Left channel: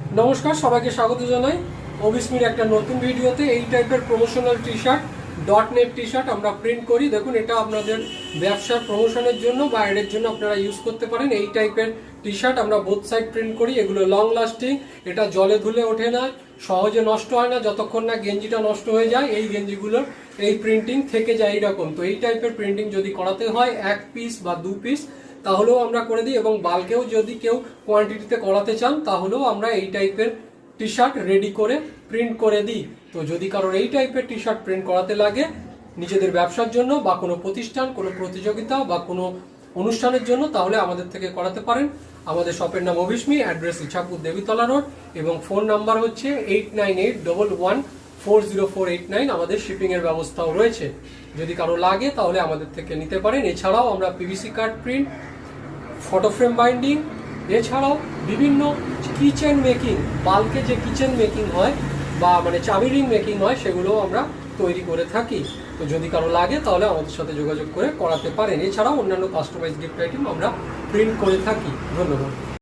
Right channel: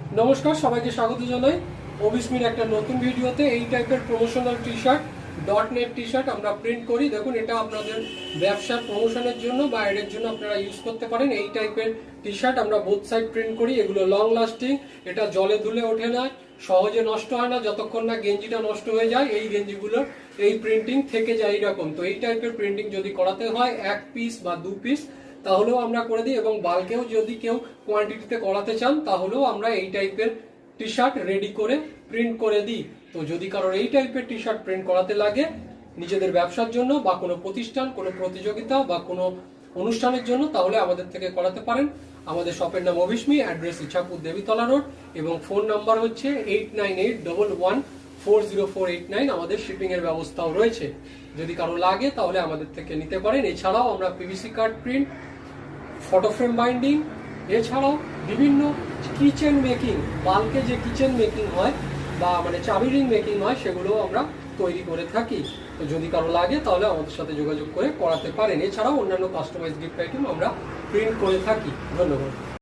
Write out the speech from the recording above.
নমস্কার, সবাইকে স্বাগত জানাই অভিস্মির একটা নতুন ভিডিওতে। এই টাইপের promotional T shirt, dot net T shirt আমরা প্রিন্ট করি। দেখুন, এটা আপনাদের ব্যবসার প্রমোশনের জন্য বা এর জন্য আপনারা ইউজ করতে পারেন। এই টাইপের টি শার্ট আমরা বোথ সাইড প্রিন্ট করি। এগুলো লং লাস্টিং, এটা জলে ধুলে ওঠে না, সহজে নষ্ট হয় না। যতক্ষণ না গেঞ্জিটা নষ্ট হয়ে যায়, এই গেঞ্জিগুলোর এই প্রিন্টিং থেকে যায় এইরকম। তো এই টাইপের প্রিন্টিং যদি করাতে হয় 1 পিস বা 2 পিস, তাহলেও আমরা করে দিই। এবং বাল্কেও যদি কেউ কোয়ান্টিটিতে করাতে চান, তাহলেও আমরা এই টাইপের টি শার্ট রেডি করে প্রিন্ট করে দিই। তো যদি কারোর এই টাইপের টি শার্ট প্রিন্ট করাতে লাগে নিজেদের ব্যবসার জন্য বা কোনো প্রতিষ্ঠান, কোনো প্রতিযোগিতা বা কোনো অনুষ্ঠানের জন্য, তাহলে আমাদের থেকে করাতে পারেন। আমাদের শপের নাম অভিস্মি, অ্যাড্রেস ইছাপুর দেবীতলা রোড, এবং ফোন নাম্বার হচ্ছে 8981140489। আমাদের শিপিং এর ব্যবস্থাও রয়েছে। যদি কারো লাগে তাহলে আমাদের থেকে নিতে পারেন। এছাড়াও আমরা PVC card print, photo frame binding, এছাড়াও বিভিন্ন কিচেন মেকিং, বাল্কে যে কিচেন মেকিং হয় বা মানে চাবি রিং মেকিং হয়, সেগুলো আমরা তৈরি করে থাকি। তো যদি কারো লাগে তাহলে আমাদের সাথে যোগাযোগ করে করাতে পারেন। এছাড়াও অন্যান্য কাস্টমাইজ গিফট আইটেম আমরা প্রিন্ট করে থাকি। ধন্যবাদ।